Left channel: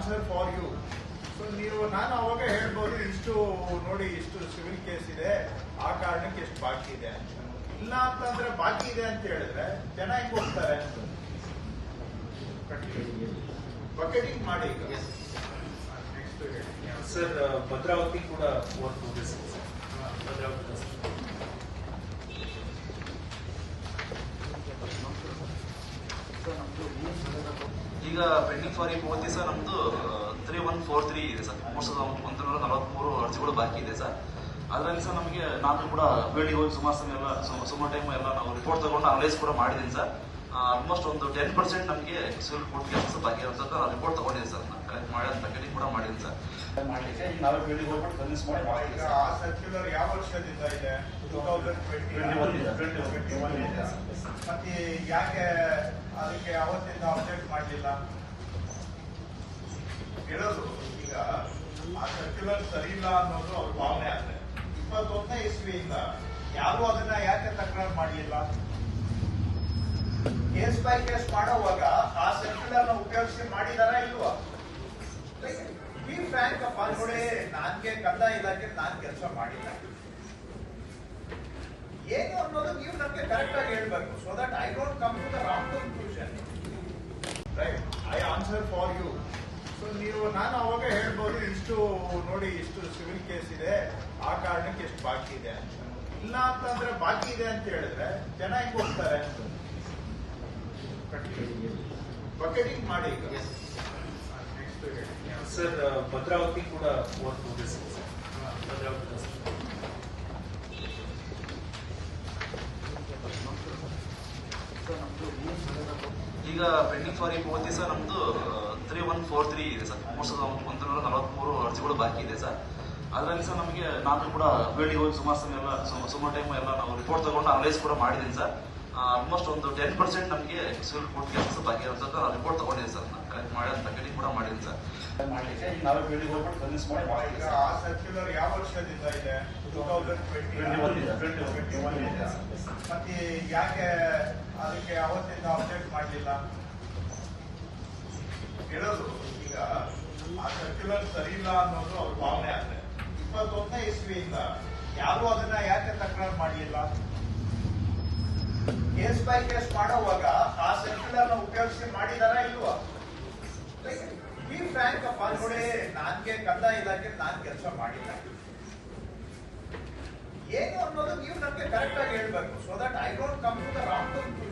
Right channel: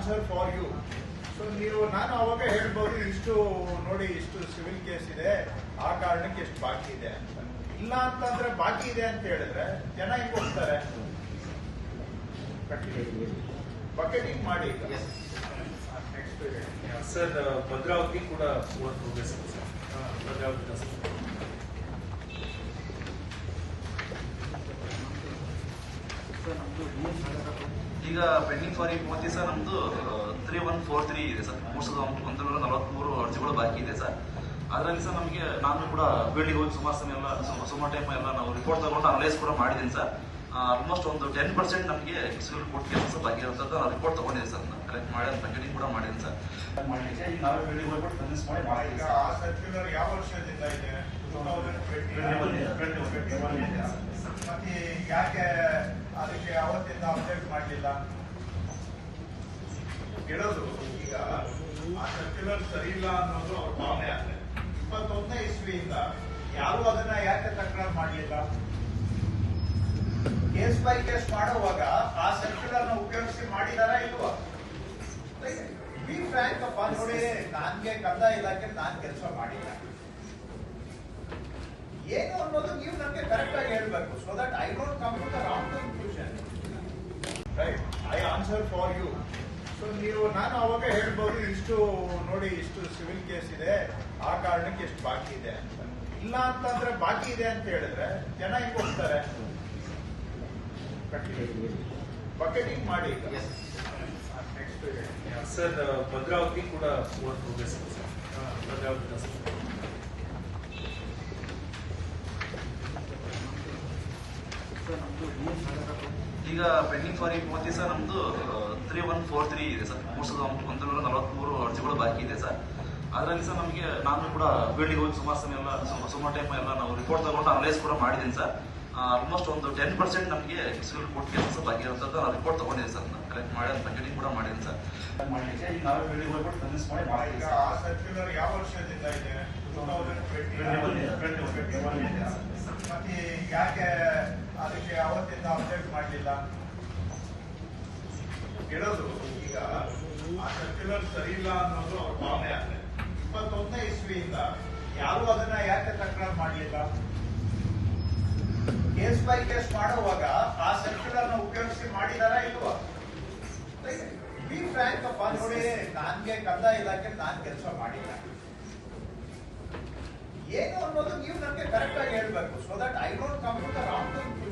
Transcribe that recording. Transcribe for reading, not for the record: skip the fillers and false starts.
Answer for you. So ನೀವು ನಾನು ಅವಾಗ ಹೇಳ್ಬೋದು ಇಷ್ಟು ನೋಡಿ ಇಷ್ಟು ಸಿವಿಲ್ ಕೇಸ್ ಇದೆ, ಆ ಕಾರಣಕ್ಕೆ ಎಷ್ಟು ಬಾಕಿ ಇದೆ ಅಂತ. ಇಲ್ಲ ಅಂತಂದ್ರೆ ಬಾಕಿ ಇದೆ ಅಂತ ಹೇಳಿದ್ರೆ ಜನ ಹಿಂಗ್ ಹೋಗ್ತಾರೆ. ಬಕೆಟಿಂಗ್ ಮಾಡಿ ಸರ್ ಭದ್ರಾವತಿ ಕೂಡ ಕೋರ್ಟ್ ನೋಟಿಸ್ ಇದೆ ಸರ್. ಭದ್ರಾವತಿ ಈಗ ಪೆಂಡಿಂಗ್ ಫಾರ್ 30 ಸರ್ ನಮ್ದು 3143 ಇದೆ ಸರ್. 143 ಅರ್ಜಿಗಳು ಬಾಕಿ ಇದೆ ಸರ್. ಅದರಲ್ಲಿ ಸರ್ ನಮಗೆ ನಾನು ಕೂಡ ಬೇಡಿಗಳು ಸುಮಾರು ಟೈಮ್ ಎಲ್ಲ ನಾವು ರಿಪೋರ್ಟ್ ತಗೊಂಡು ಅನಲೈಸ್ ಕೂಡ ಮಾಡಿದ್ದೀನಿ ಸರ್. ಆಲ್ಮೋಸ್ಟ್ ಒಂದು 10% ನಮಗೆ ಸಿವಿಲ್ ಕೋರ್ಟ್ ಕೆಲಸ ಬಾಕಿ ಇರುತ್ತದೆ. ನಾವು ರಿಪೋರ್ಟ್ ತಗೊಂಡಿದ್ದೀನಿ ಸರ್, ಕರೆಕ್ಟ್ ಮಾಡಿ ಅದು ಕಂಟಿನ್ಯೂ ಕೂಡ ಮಾಡಿದ್ದೀನಿ ಸರ್. ನಾವೇ ಬೇಡಿಗಳು ಈಗ ಆ ಸರ್ಕ್ಯುಲರ್ ಯಾವ ವರ್ಷದಿಂದ ಇದೆ? 2020 ಮತ್ತೆ ಯಾಕೆ ಅದಕ್ಕೆ ಯಾವತ್ತಿಂದ ಅಪ್ಡೇಟ್ ಮಾಡಲಿಲ್ಲ ಕೇಳೋದು. ಈಗ ಆ ಸರ್ಕ್ಯುಲರ್ ಸರಿ ಇಲ್ಲ ಅನ್ನೋದು ಅವ್ರ ಭಾವನೆ ಆದ್ರೆ 21ನೇ ಇಸ್ವಿಯಿಂದ ಯಾರು ಅದನ್ನ ಯಾಕೆ ತಕರಾರು ಮಾಡಲಿಲ್ಲ? ಕೇಸ್ ಬೈ ಕೇಸ್ ಮಾಡೋವಾಗ ಆ ಸರ್ಕ್ಯುಲರ್ ನ ಉಪಯೋಗಿಸಿ ಮಾಡಿದಾರ ಇಲ್ವಾ? ಬಿ ಫ್ರ್ಯಾಂಕ್ ಅಪ್ಪ, ನೋಡಿ ನಾನ್ಗೆ ಕಂದಾಯ ಇಲಾಖೆ ನಾನ್ ಕೆಲಸ ಮಾಡಿಲ್ಲ ಏನು ಅನ್ನೋದು ನೀವು ನಮ್ಗೆ ಕರೆಕ್ಟ್ ಆಗಿ ಹೇಳ್ಬೇಕು. So that I don't come to the wrong conclusion. Right, I answer for you. So ನೀವು ನಾನು ಅವಾಗ ಹೇಳ್ಬೋದು ಇಷ್ಟು ನೋಡಿ ಇಷ್ಟು ಸಿವಿಲ್ ಕೇಸ್ ಇದೆ, ಆ ಕಾರಣಕ್ಕೆ ಎಷ್ಟು ಬಾಕಿ ಇದೆ ಅಂತ. ಇಲ್ಲ ಅಂತಂದ್ರೆ ಬಾಕಿ ಇದೆ ಅಂತ ಹೇಳಿದ್ರೆ ಜನ ಹಿಂಗ್ ಹೋಗ್ತಾರೆ. ಬಕೆಟಿಂಗ್ ಮಾಡಿ ಸರ್ ಭದ್ರಾವತಿ ಕೂಡ ಕೋರ್ಟ್ ನೋಟಿಸ್ ಇದೆ ಸರ್. ಭದ್ರಾವತಿ ಈಗ ಪೆಂಡಿಂಗ್ ಫಾರ್ 30 ಸರ್ ನಮ್ದು 3143 ಇದೆ ಸರ್. 143 ಅರ್ಜಿಗಳು ಬಾಕಿ ಇದೆ ಸರ್. ಅದರಲ್ಲಿ ಸರ್ ನಮಗೆ ನಾನು ಕೂಡ ಬೇಡಿಗಳು ಸುಮಾರು ಟೈಮ್ ಎಲ್ಲ ನಾವು ರಿಪೋರ್ಟ್ ತಗೊಂಡು ಅನಲೈಸ್ ಕೂಡ ಮಾಡಿದ್ದೀನಿ ಸರ್. ಆಲ್ಮೋಸ್ಟ್ ಒಂದು 10% ನಮಗೆ ಸಿವಿಲ್ ಕೋರ್ಟ್ ಕೆಲಸ ಬಾಕಿ ಇರುತ್ತದೆ. ನಾವು ರಿಪೋರ್ಟ್ ತಗೊಂಡಿದ್ದೀನಿ ಸರ್, ಕರೆಕ್ಟ್ ಮಾಡಿ ಅದು ಕಂಟಿನ್ಯೂ ಕೂಡ ಮಾಡಿದ್ದೀನಿ ಸರ್. ನಾವೇ ಬೇಡಿಗಳು ಈಗ ಆ ಸರ್ಕ್ಯುಲರ್ ಯಾವ ವರ್ಷದಿಂದ ಇದೆ? 2020 ಮತ್ತೆ ಯಾಕೆ ಅದಕ್ಕೆ ಯಾವತ್ತಿಂದ ಅಪ್ಡೇಟ್ ಮಾಡಲಿಲ್ಲ ಕೇಳೋದು. ಈಗ ಆ ಸರ್ಕ್ಯುಲರ್ ಸರಿ ಇಲ್ಲ ಅನ್ನೋದು ಅವ್ರ ಭಾವನೆ ಆದ್ರೆ 21ನೇ ಇಸ್ವಿಯಿಂದ ಯಾರು ಅದನ್ನ ಯಾಕೆ ತಕರಾರು ಮಾಡಲಿಲ್ಲ? ಕೇಸ್ ಬೈ ಕೇಸ್ ಮಾಡೋವಾಗ ಆ ಸರ್ಕ್ಯುಲರ್ ನ ಉಪಯೋಗಿಸಿ ಮಾಡಿದಾರ ಇಲ್ವಾ? ಬಿ ಫ್ರ್ಯಾಂಕ್ ಅಪ್ಪ, ನೋಡಿ ನಾನ್ಗೆ ಕಂದಾಯ ಇಲಾಖೆ ನಾನ್ ಕೆಲಸ ಮಾಡಿಲ್ಲ ಏನು ಅನ್ನೋದು ನೀವು ನಮ್ಗೆ ಕರೆಕ್ಟ್ ಆಗಿ ಹೇಳ್ಬೇಕು. So that I don't come to the wrong conclusion.